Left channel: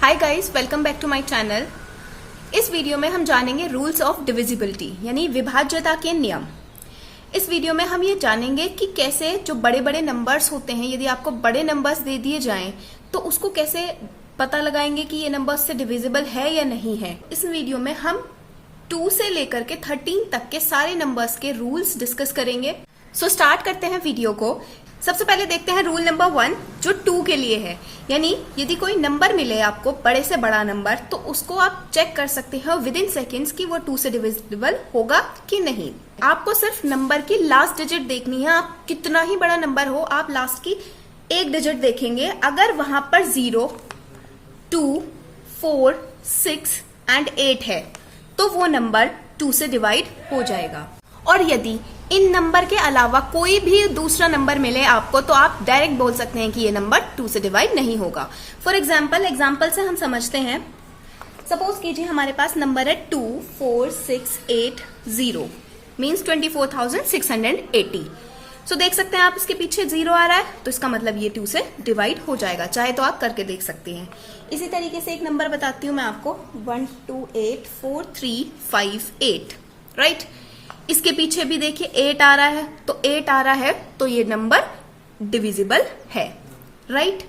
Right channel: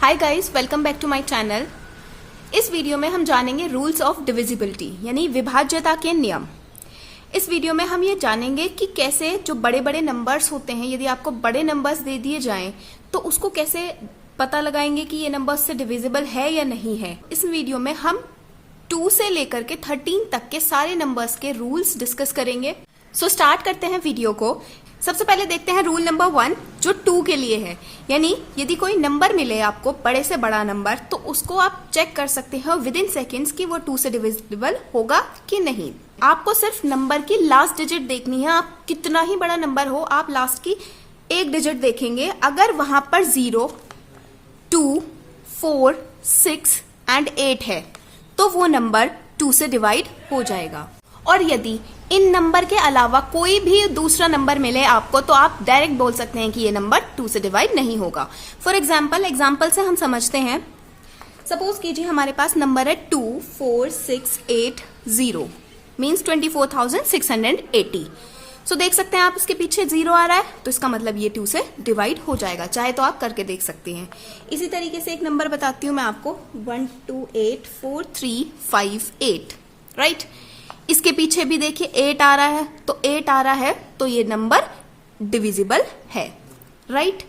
Hi guys, welcome back to my channel. इस video में हम जानेंगे रूल्स ऑफ डिविजिबिलिटी यानी विभाज्यता के नियम। इस वीडियो में हम ये जानेंगे कि कैसे जो बड़े बड़े नंबर्स होते हैं, यदि आपको बड़े नंबर्स दे दिए जाएं तो उसको कैसे पता लगाएंगे कि ये नंबर से डिविजिबल है या नहीं है। इस वीडियो में हम 2 से लेकर के 13 तक के सारे नंबर्स के रूल्स डिस्कस करेंगे। सो स्टार्ट करते हैं वीडियो को। सबसे पहले देखते हैं रूल नंबर 1 जो 2 के लिए है। यानी यदि कोई नंबर मिले आपको बड़े से बड़ा नंबर, तो उसको आप चेक कर सकते हैं विद इन सेकेंड्स कि वो 2 से डिविजिबल होगा कि नहीं। आपको सिर्फ नंबर की लास्ट डिजिट देखनी है। आप कितना ही बड़ा नंबर हो, आप लास्ट की एक डिजिट देखेंगे। अगर वहां पर 0, 2, 4, 6 एंड 8 है तो वो नंबर 2 से डिवाइड हो जाएगा। और यदि इन नंबर के अलावा कोई भी दूसरा नंबर मिले आपको, तो आप डायरेक्ट बोल सकते हैं कि ये नंबर 2 से डिवाइड नहीं होगा। फॉर एग्जाम्पल से हम समझते हैं। सपोज कीजिए हमारे पास नंबर है 24680 मीन्स 24,680। सो देख सकते हैं आप, इसके पीछे 0 आ रहा है तो इसका मतलब ये 2 से डिवाइड हो जाएगा। चाहे तो आप करके देख सकते हैं। इसी तरीके से एक नंबर बताती हूं मैं आपको, 128435 राइट। इसके पीछे भी देखिए 8 आ रहा है, तो 8 आ रहा है तो ये नंबर डिविजिबल है, राइट।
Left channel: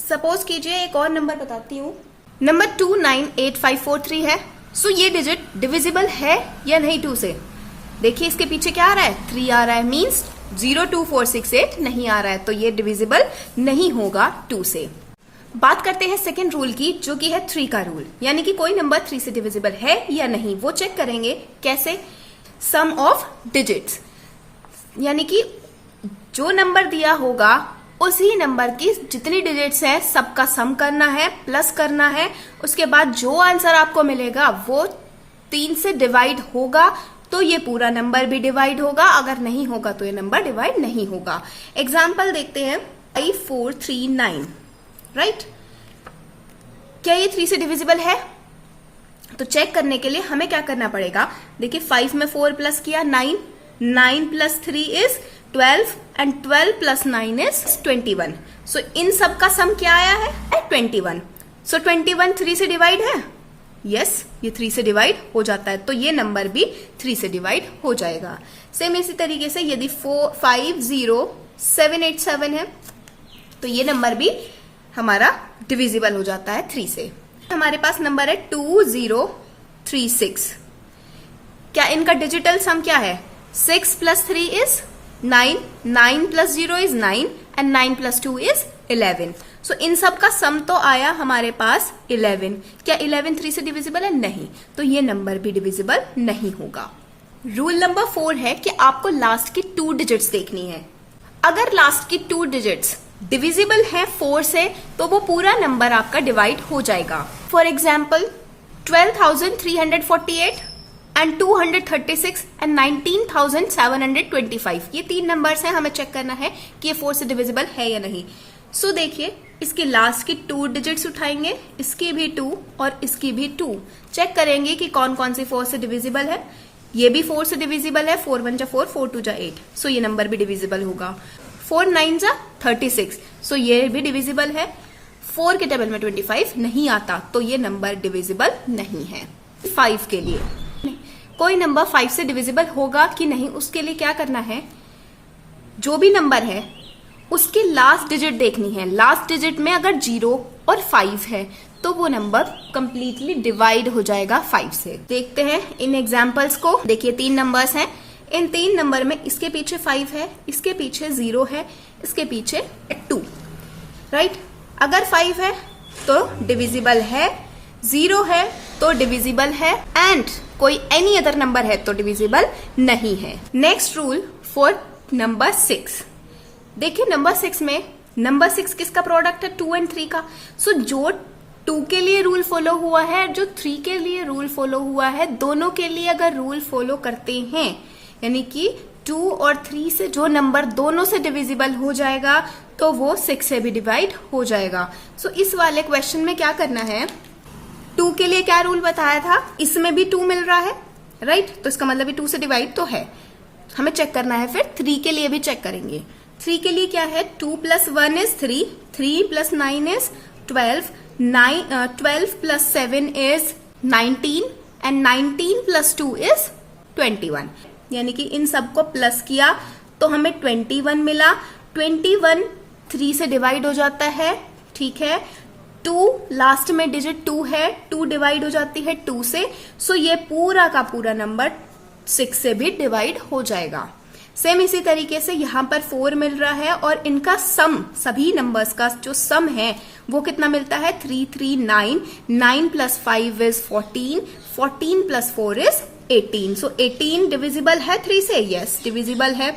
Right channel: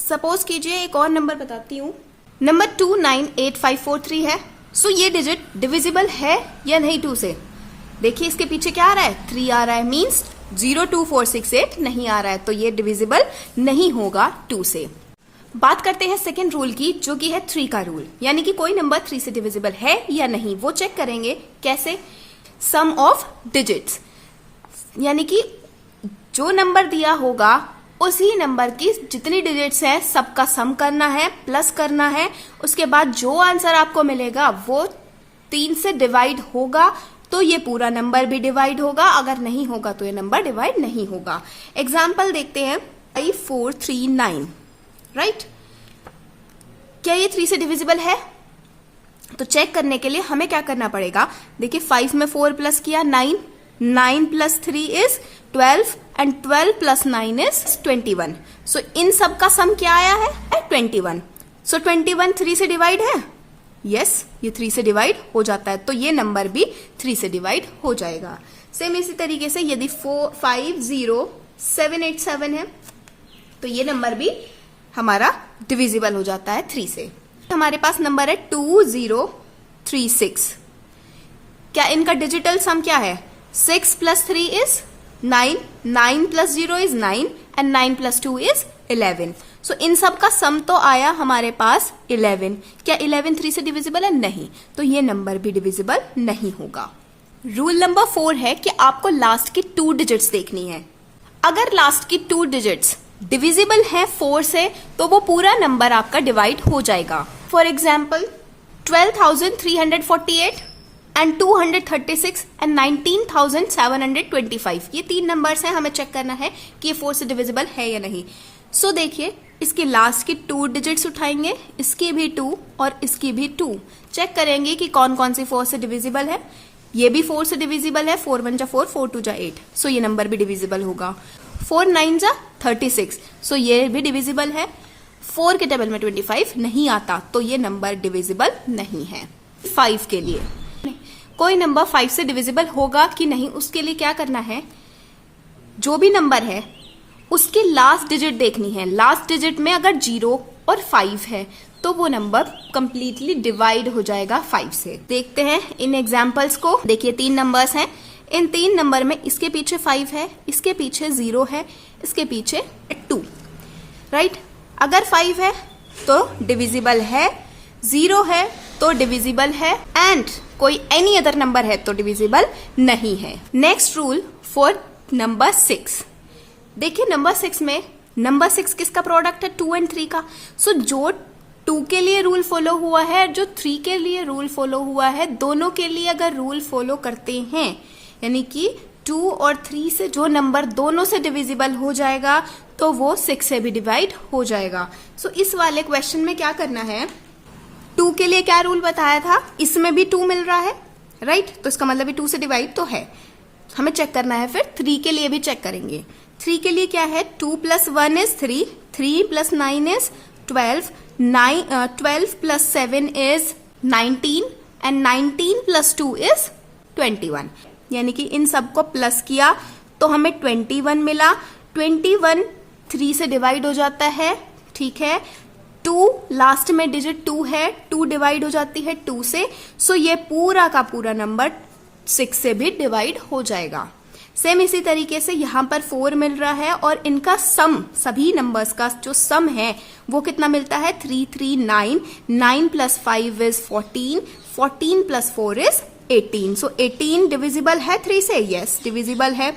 सपोज कीजिए एक और नंबर बताती हूं, नंबर 298543 है। सो ये डिजिट डिविजिबल है या नहीं 2 से। देखिए इसके पीछे क्या आ रहा है, 3 आ रहा है, मीन्स 02468 नहीं आ रहा है, तो ये डिविजिबल नहीं होगा 2 से। बात करते हैं सेकेंड रूल की, जो कि है 3 का रूल। यानी कि कोई नंबर 3 से डिविजिबल है या नहीं, वो चेक करेंगे कैसे, सम ऑफ डिजिट्स। यानी कि जो नंबर दिया होगा उसी नंबर की जितनी डिजिट्स हैं सबका सम करना है, प्लस करना है। उसके बाद जो आंसर आपको मिलेगा वो 3 से डिवाइड होगा तो ये पूरा नंबर भी डिवाइड होगा, अगर नहीं होगा तो ये नंबर डिवाइड नहीं होगा। एग्जाम्पल देखते हैं 5439 राइट। क्या ये 3 से डिविजिबल है? तो चेक करने के लिए हमें क्या करना पड़ेगा, देखिए 5 में 4 प्लस किया 9, 9 plus 3 is 12 and 12 plus 9 is 21। सो इन सब का सम क्या आया है 21। सो 21 3 से डिवाइड है, यस ये 3 से डिवाइड हो जाता है, तो ये नंबर भी 3 से डिवाइड हो जाएगा। सेम इसी तरीके से यदि 50787 है तो ये नंबर भी हमारा डिविजिबल हो जाता है 3 से। हमारे पास नंबर है 2036। क्या इनका डिजिटल सम क्या है, 6 plus 3 is 9, 9 plus 0 is 9 and 9 plus 2 is 11। सो इन सब का सम तो आया हमारे पास 11। क्या 11 3 से डिविजिबल है? नहीं, तो ये नंबर भी डिविजिबल नहीं होगा। रूल नंबर 4 है कि आपको लास्ट की 2 डिजिट्स देखनी है। अगर लास्ट की 2 डिजिट्स डिविजिबल है 4 से तो वो पूरा नंबर आपका डिवाइड हो जाएगा। फॉर एग्जाम्पल 12,348 एंड 236 एंड 19,725, ये 3 नंबर्स हैं। हमें चेक करना है कि ये 4 से डिविजिबल है या नहीं। सो देखिए इसके लास्ट की 2 डिजिट्स उठाएंगे, इसकी भी 2 और इसकी भी 2। चेक करेंगे कि कौन कौन सी 4 से डिविजिबल है। ये भी 4 से डिविजिबल है, 4 1 जा 4, 4 2 जा 8। सो ये नंबर भी डिविजिबल होगा। 4 9 जा 36, सो ये भी डिविजिबल है। 4 के टेबल में 25 नहीं आता, तो ये नंबर डिविजिबल नहीं है। 5 के लिए कोई नंबर 5 से डिविजिबल होगा कि नहीं, उसके लिए क्या करना है, जो भी नंबर है उसकी लास्ट डिजिट देखनी है। लास्ट डिजिट में अगर 0 और 5 है तो वो नंबर कंप्लीटली डिवाइड हो जाएगा 5 से। देखते हैं इन एग्जाम्पल्स को। देखिए 3 नंबर्स हैं। इन 3 नंबर में इसके पीछे 5 है, इसके पीछे 0 है, इसके पीछे 2 राइट। अगर 5 है तो डिविजिबल है, 0 है तो डिविजिबल है, एंड कोई एनी अदर नंबर है तो डिविजिबल नहीं है। Next rule for number 6। देखिए नंबर 6 में, नंबर 6 किसका प्रोडक्ट है, 2 एंड 3 का। सो जो 2 के लिए रूल फॉलो हुआ है, जो 3 के लिए रूल फॉलो हुआ है, दोनों के लिए अगर रूल फॉलो करते हैं, यानी कि 2 और 3 से जो नंबर दोनों से डिविजिबल हो जाएगा तो वो 6 से भी डिवाइड हो जाएगा। सो इस वाले क्वेश्चन में क्या करना है, 2 के लिए क्या रूल बताया था, इसमें भी 2 मिल रहा है राइट, तो इसका मतलब 2 से डिवाइड तो है। हमें चेक करना है, फिर 3 के लिए भी चेक करेंगे। 3 के लिए क्या है, 2 plus 1 is 3, 3 plus 9 is 12 12 plus 7 is 19 and 19 plus 2 is 21। यानी कि इन सबको प्लस किया तो हमें 21 मिला। 21 3 से डिवाइड हो जाता है, ठीक है। 2 लास्ट में डिजिट 2 है, 2 डिवाइड हो जाती है 2 से, सो ये पूरा का पूरा नंबर 6 से भी डिवाइड हो जाएगा। सेम इसी तरीके से यहां पर 4 मिल रहा है और इनका सम, सभी नंबर्स का जो सम है वो कितना मिलता है 3 3 9, 9 plus 5 is 14, 14 plus 4 is 18। So 18 divisible है 3 से, यस डिविजिबल है,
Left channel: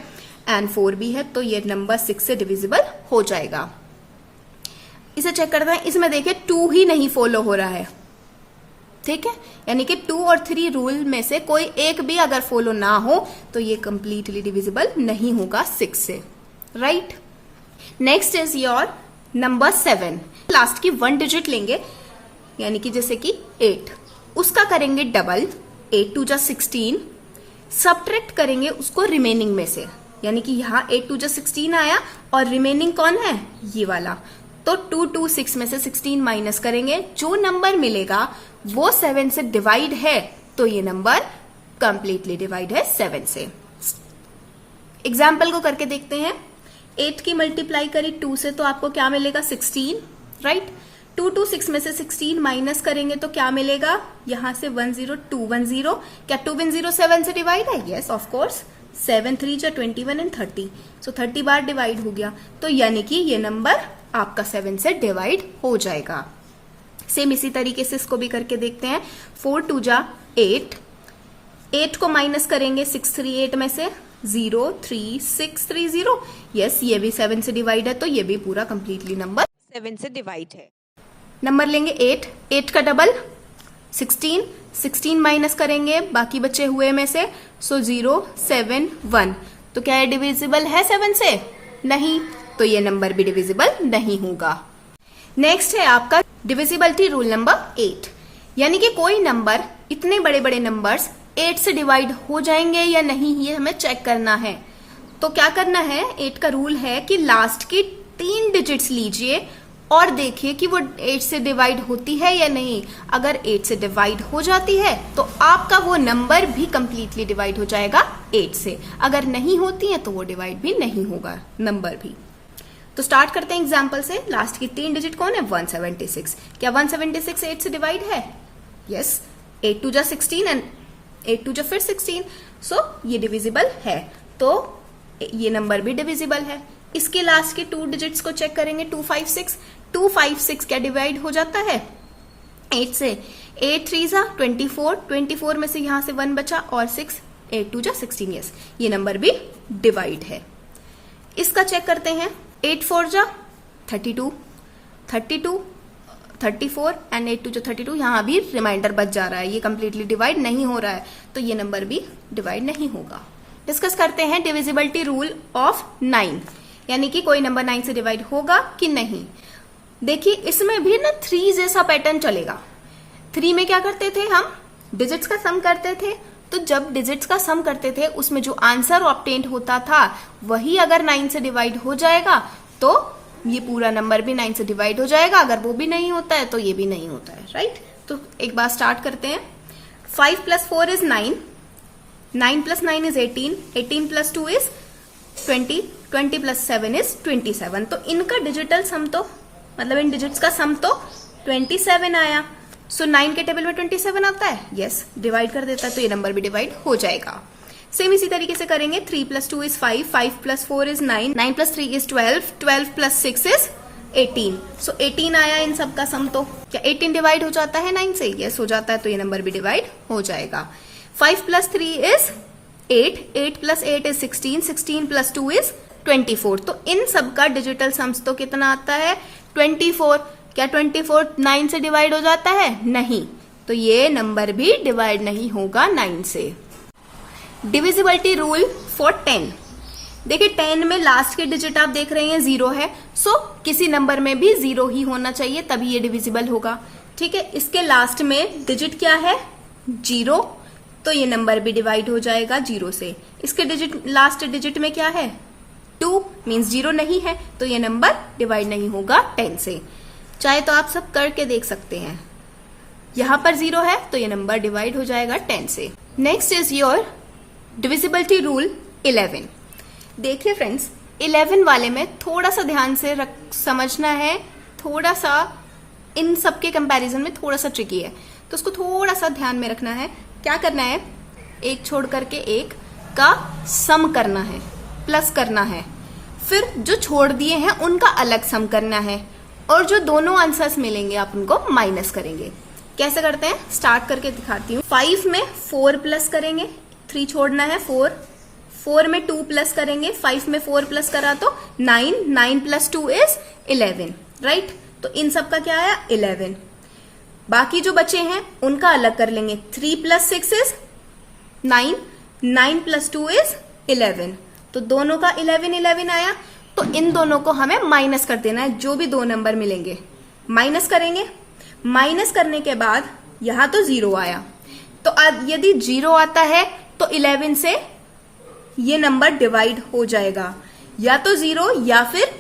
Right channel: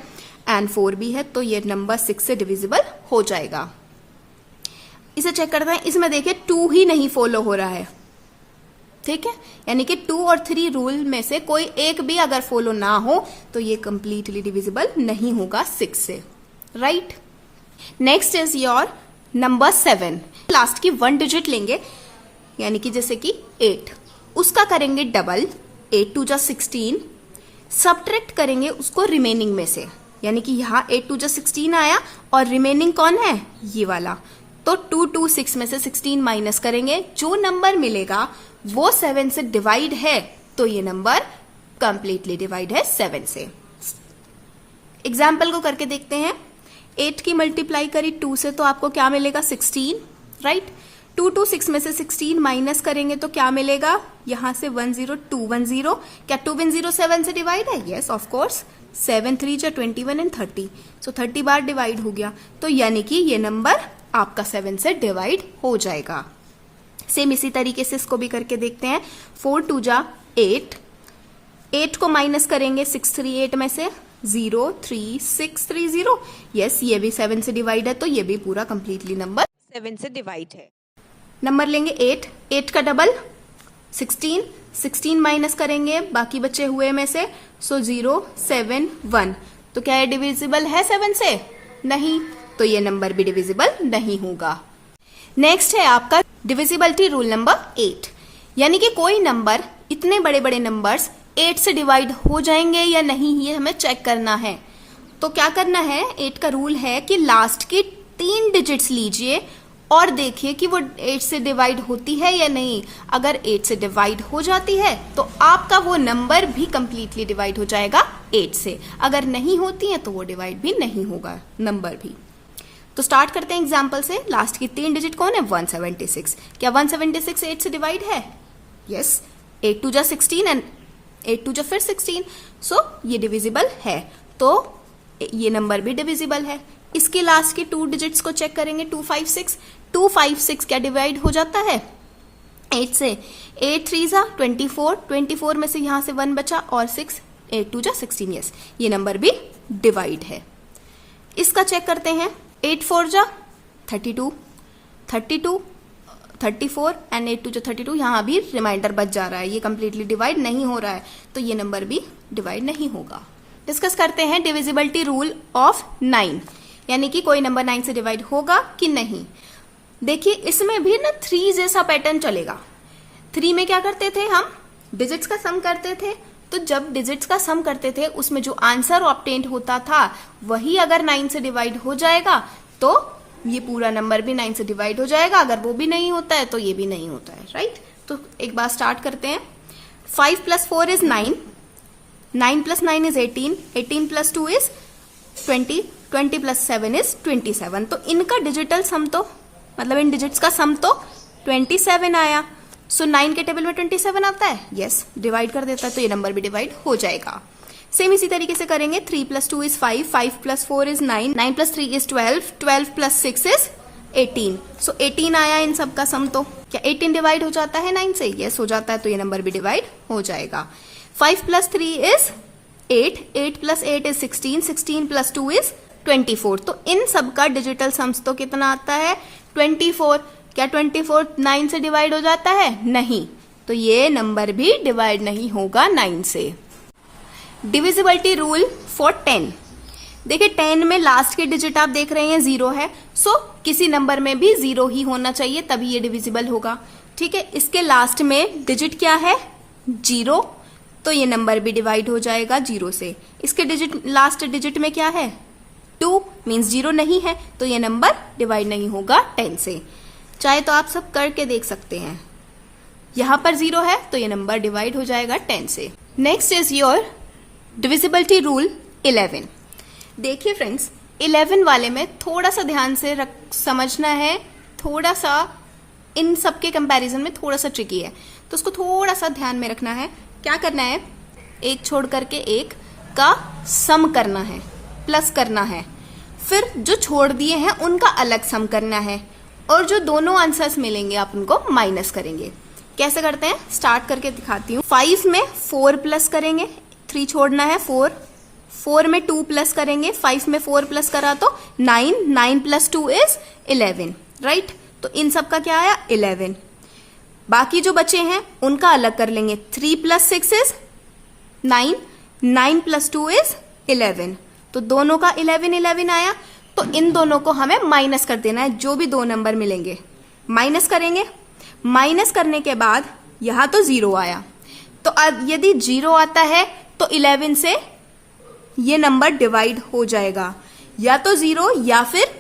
एंड 4 भी है, तो ये नंबर 6 से डिविजिबल हो जाएगा। इसे चेक करते हैं, इसमें देखिए 2 ही नहीं फॉलो हो रहा है, ठीक है, यानी कि 2 और 3 रूल में से कोई एक भी अगर फॉलो ना हो तो ये कंप्लीटली डिविजिबल नहीं होगा 6 से, right. Next is your number 7। Last की 1 डिजिट लेंगे, यानी कि जैसे कि 8, उसका करेंगे डबल, 8 2 जा 16, सब्ट्रैक्ट करेंगे उसको रिमेनिंग में से, यानी कि यहां 8 2 जा 16 आया और रिमेनिंग कौन है, ये वाला, तो 2 2 6 में से 16 माइनस करेंगे, जो नंबर मिलेगा वो 7 से डिवाइड है, तो ये नंबर कंप्लीटली डिवाइड है 7 से। एग्जाम्पल को करके देखते हैं। 8 की मल्टीप्लाई करी 2 से तो आपको क्या मिलेगा 16, राइट। 2 2 6 में से 16 माइनस करेंगे तो क्या मिलेगा, यहां से 1 0 2 1 0, क्या 2 1 0 7 से डिवाइड है, यस ऑफ कोर्स। 7 3 जा 21 एंड 30, सो 30 बार डिवाइड हो गया, तो यानी कि ये नंबर आपका 7 से डिवाइड हो जाएगा। सेम इसी तरीके से इसको भी करके देखते हैं। 4 2 जा 8, 8 को माइनस करेंगे 6 3 8 में से, 0 3 6 3 0, यस ये भी 7 से डिवाइड है, तो ये भी पूरा कंप्लीटली नंबर 7 से डिवाइड है। नंबर लेंगे 8, 8 का डबल 16, 16 माइनस करेंगे बाकी बचे हुए में से, सो 0 7 1, तो क्या ये डिविजिबल है 7 से, नहीं, तो ये नंबर भी डिविजिबल नहीं होगा। नेक्स्ट है आपका डिविजिबिलिटी रूल नंबर 8, यानी कि कोई नंबर, इतने बड़े बड़े नंबर्स 8 से डिवाइड हो जाएंगे या नहीं, ये हमें चेक करना है। तो क्या करना है, 8 का रूल है कि लास्ट की 3 डिजिट्स लीजिए और देखिए कि वो 8 से डिवाइड होती है या नहीं। अगर 8 से डिवाइड हो जाती है तो आपका वो नंबर भी कंप्लीटली डिवाइड हो जाएगा 8 से, अगर नहीं होती है तो वो डिवाइड भी नहीं होगा नंबर भी। तो स्टार्ट करते हैं एग्जाम्पल से। लास्ट की 3 डिजिट कौन है, 176, क्या 176 8 से डिवाइड है, यस। 8 2 जा 16 एंड 8 2 जा फिर 16, सो ये डिविजिबल है, तो ये नंबर भी डिविजिबल है। इसके लास्ट की 2 डिजिट्स को चेक करेंगे, 256, 256 क्या डिवाइड हो जाता है 8 से, 8 3 जा 24, 24 में से यहां से 1 बचा और 6, 8 2 जा 16, यस ये नंबर भी डिवाइड है। इसका चेक करते हैं। 8 4 जा 32, 32 34 एंड 8 2 जा 32, यहां भी रिमाइंडर बच जा रहा है, ये कंप्लीटली डिवाइड नहीं हो रहा है, तो ये नंबर भी डिवाइड नहीं होगा। डिस्कस करते हैं डिविजिबिलिटी रूल ऑफ 9, यानी कि कोई नंबर 9 से डिवाइड होगा कि नहीं। देखिए इसमें भी ना 3 जैसा पैटर्न चलेगा। 3 में क्या करते थे, हम डिजिट्स का सम करते थे, तो जब डिजिट्स का सम करते थे उसमें जो आंसर ऑब्टेन्ड होता था वही अगर 9 से डिवाइड हो जाएगा तो ये पूरा नंबर भी 9 से डिवाइड हो जाएगा, अगर वो भी नहीं होता है तो ये भी नहीं होता है, राइट। तो एक बार स्टार्ट करते हैं। 5 + 4 इज 9, 9 + 9 इज 18, 18 + 2 इज 20, 20 + 7 इज 27। तो इनका डिजिटल सम तो, मतलब इन डिजिट्स का सम तो 27 आया। सो 9 के टेबल में 27 आता है, यस डिवाइड कर देता है, तो ये नंबर भी डिवाइड हो जाएगा। सेम इसी तरीके से करेंगे। 3 + 2 is 5, 5 + 4 is 9, 9 + 3 is 12, 12 + 6 is 18। So 18 आया इन सब का सम, तो क्या 18 डिवाइड हो जाता है 9 से, यस हो जाता है, तो ये नंबर भी डिवाइड हो जाएगा। 5 + 3 इज 8, 8 + 8 इज 16, 16 + 2 इज 24। तो इन सब का डिजिटल सम्स तो कितना आता है 24। क्या 24 9 से डिवाइड हो जाता है, नहीं, तो ये नंबर भी डिवाइड नहीं होगा 9 से। डिविजिबिलिटी रूल फॉर 10, देखिए 10 में लास्ट के डिजिट आप देख रहे हैं 0 है, सो किसी नंबर में भी 0 ही होना चाहिए तभी ये डिविजिबल होगा, ठीक है। इसके लास्ट में डिजिट क्या है 0, तो ये नंबर भी डिवाइड हो जाएगा 0 से। इसके डिजिट लास्ट डिजिट में क्या है 2, मीन्स 0 नहीं है, तो ये नंबर डिवाइड नहीं होगा 10 से। चाहे तो आप सब करके देख सकते हैं। यहां पर 0 है तो ये नंबर डिवाइड हो जाएगा 10 से। Next is your divisibility rule 11। देखिए फ्रेंड्स, 11 वाले में थोड़ा सा ध्यान से समझना है, थोड़ा सा इन सबके कंपैरिजन में थोड़ा सा ट्रिकी है, तो उसको थोड़ा सा ध्यान में रखना है। क्या करना है, एक छोड़ करके एक का सम करना है, प्लस करना है, फिर जो छोड़ दिए हैं उनका अलग सम करना है, और जो दोनों आंसर्स मिलेंगे आप उनको माइनस करेंगे। कैसे करते हैं, स्टार्ट करके दिखाती हूँ। 5 में 4 प्लस करेंगे, 3 छोड़ना है 4, 4 में 2 प्लस करेंगे, 5 में 4 प्लस करा तो 9, 9 प्लस 2 इज 11, राइट। तो इन सब का क्या आया 11। बाकी जो बचे हैं उनका अलग कर लेंगे। 3 प्लस 6 इज 9, 9 प्लस 2 इज 11। तो दोनों का 11 11 आया। तो इन दोनों को हमें माइनस कर देना है, जो भी दो नंबर मिलेंगे माइनस करेंगे। माइनस करने के बाद यहां तो 0 आया, तो अब यदि 0 आता है तो 11 से ये नंबर डिवाइड हो जाएगा, या तो 0 या फिर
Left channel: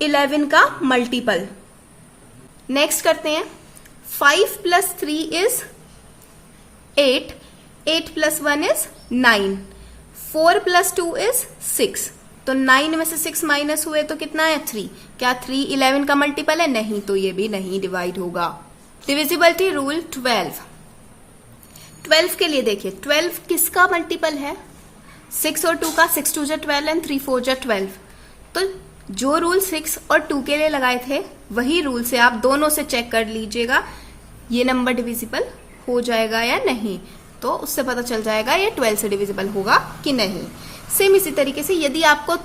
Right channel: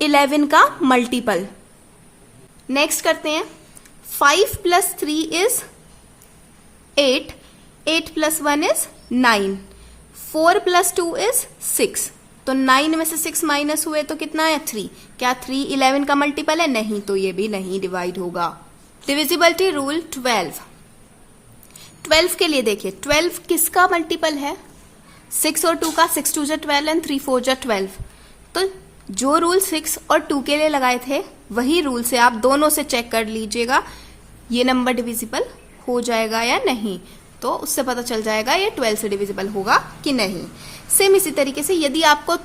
11 का मल्टीपल। नेक्स्ट करते हैं, 5 plus 3 is 8, 8 plus 1 is 9, 4 plus 2 is 6। तो 9 में से 6 माइनस हुए तो कितना है 3। क्या 3 11 का मल्टीपल है? नहीं, तो ये भी नहीं डिवाइड होगा। Divisibility rule 12। 12 के लिए देखिए, 12 किसका मल्टीपल है? 6 और 2 का। 6 2 जा 12 एंड 3 4 जा 12। तो जो रूल 6 और 2 के लिए लगाए थे वही रूल से आप दोनों से चेक कर लीजिएगा ये नंबर डिविजिबल हो जाएगा या नहीं, तो उससे पता चल जाएगा ये 12 से डिविजिबल होगा कि नहीं। सेम इसी तरीके से यदि आपको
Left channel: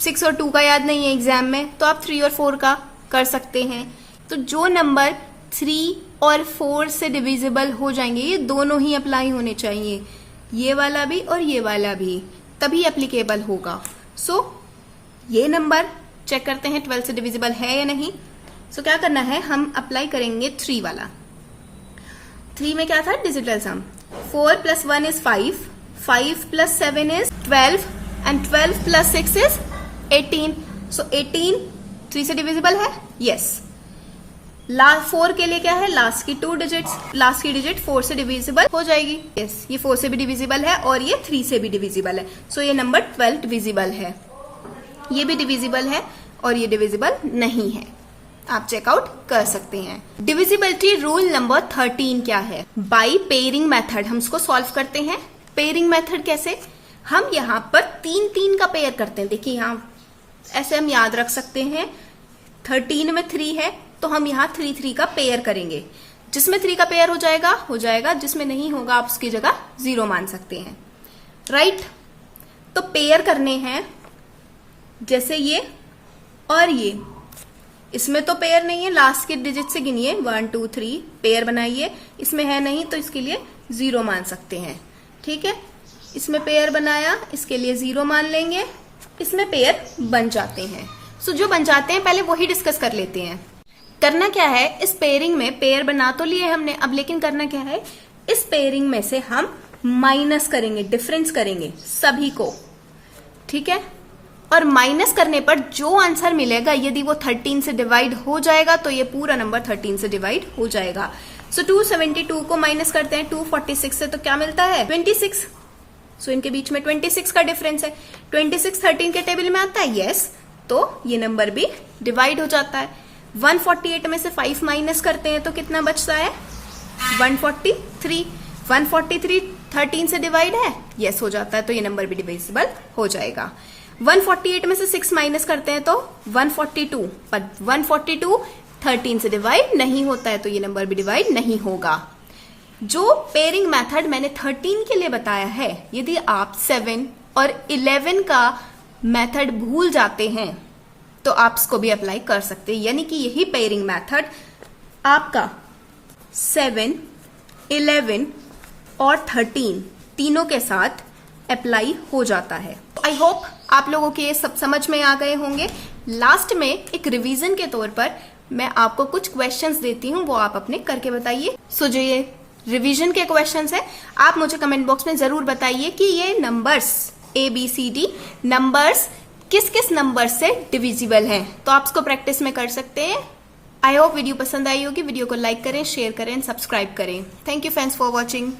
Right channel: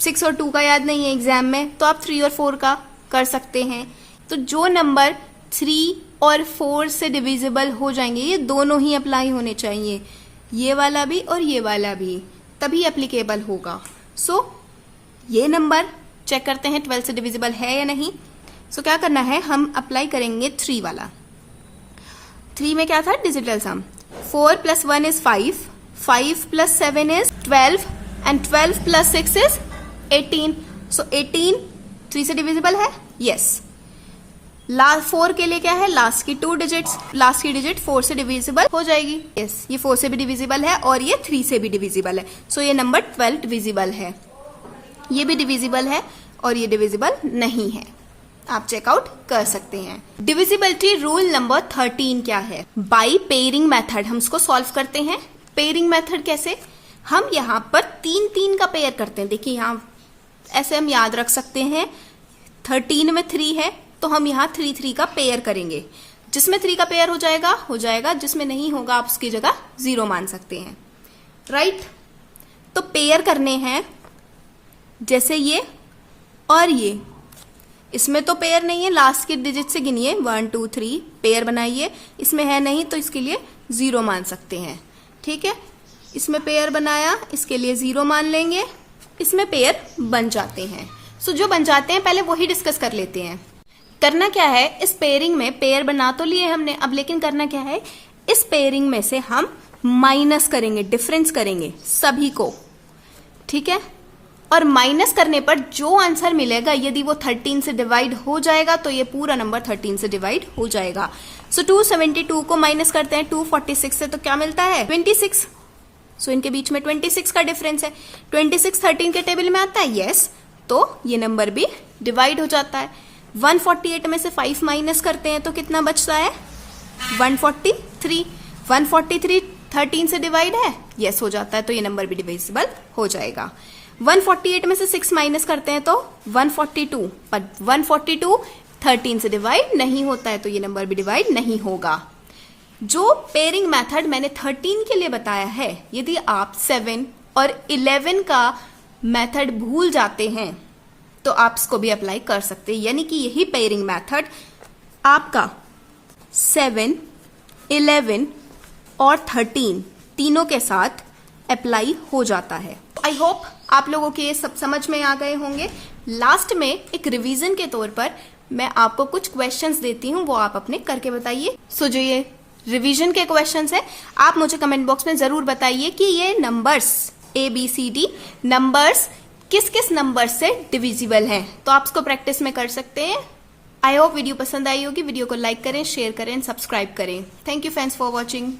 6 और 2 का याद नहीं है एग्जाम में, तो आप 3 और 4 का कर सकते हैं। तो जो नंबर 3 और 4 से डिविजिबल हो जाएंगे ये दोनों ही अप्लाई होने चाहिए, ये वाला भी और ये वाला भी, तभी एप्लीकेबल होगा। सो ये नंबर चेक करते हैं 12 से डिविजिबल है या नहीं। सो क्या करना है, हम अप्लाई करेंगे 3 वाला। 3 में क्या था? Digital sum. 4 plus 1 is 5, 5 plus 7 is 12 and 12 plus 6 is 18। So 18 3 से डिविजिबल है? यस। 4 के लिए क्या है? लास्ट की 2 डिजिट्स, लास्ट की डिजिट 4 से डिविजिबल हो जाएगी। यस, ये 4 से भी डिविजिबल है और ये 3 से भी डिविजिबल है। सो ये नंबर 12 डिविजिबल है। ये भी डिविजिबल है और ये डिविजिबल नहीं है। आप चेकआउट कर सकते हैं। डिविजिबिलिटी रूल नंबर 13 क्या है? बाई पेयरिंग मेथड हम इसको सॉल्व करते हैं। पेयरिंग मेथड कैसे? हम यहाँ पर 3 3 का पेयर करते हैं। देखिए यहाँ ऐसे हम याद रख सकते हैं, 13 में 3 है तो हम यहाँ 3 3 का पेयर करेंगे। जिसमें 3 का पेयर हो जाएगा, जिसमें नहीं होगा आप उसकी जगह 0 मान सकते हैं, राइट। तो पेयर करने हैं जैसे ये और ये। इसमें तो पेयर नहीं है, लास्ट के डिजिट से गिनिए 1 2 3 पेयर बनाइए। इसमें है नहीं तो इसके लिए 0 मान सकते हैं, ठीक है। इसमें पेयर बनाया, इसके लिए 0 मान लेंगे। इसमें पेयर बन जाते हैं। सो जो बन जाते हैं पहले वही डिस्कस कर लेते हैं। करना क्या है, इस पेयरिंग में पेयर बना तो लिए हमने, अब लेकिन करना क्या है, इस पेयरिंग में से हम माइनस करेंगे, डिफरेंस करेंगे सभी को, ठीक है। और माइनस करने पर जो आंसर मिलेगा यदि वो 13 से डिवाइड हो जाएगा तो ये पूरा नंबर 13 से डिवाइड हो जाएगा। सो 272 को माइनस करते हैं 246 से तो क्या मिलता है? 26। सो इनके बीच में 26 का डिफरेंस है। 26 13 के टेबल में आता है, यस। तो ये नंबर भी डिवाइड हो जाता है। 148 में से 5 माइनस करते हैं तो कितना बचता है? 143। 143 13 से डिवाइड है, यस हो जाता है, तो ये नंबर भी डिविजिबल हो जाएगा। 148 में से 6 माइनस करते हैं तो 142, पर 142 13 से डिवाइड नहीं होता है, तो ये नंबर भी डिवाइड नहीं होगा। जो पेयरिंग मेथड मैंने 13 के लिए बताया है, यदि आप 7 और 11 का मेथड भूल जाते हैं तो आप इसको भी अप्लाई कर सकते हैं। यानी कि यही पेयरिंग मेथड आपका 7, 11 और 13 तीनों के साथ अप्लाई हो जाता है। आई होप आप लोगों के ये सब समझ में आ गए होंगे। लास्ट में एक रिवीजन के तौर पर मैं आपको कुछ क्वेश्चंस देती हूँ, वो आप अपने करके बताइए। सो जो ये रिवीजन के क्वेश्चंस है, आप मुझे कमेंट बॉक्स में जरूर बताइए कि ये नंबर्स ABCD नंबर्स किस किस नंबर से डिविजिबल हैं। तो आप इसको प्रैक्टिस में कर सकते हैं। आई होप वीडियो पसंद आई होगी। वीडियो को लाइक करें, शेयर करें, सब्सक्राइब करें। Thank you friends for watching.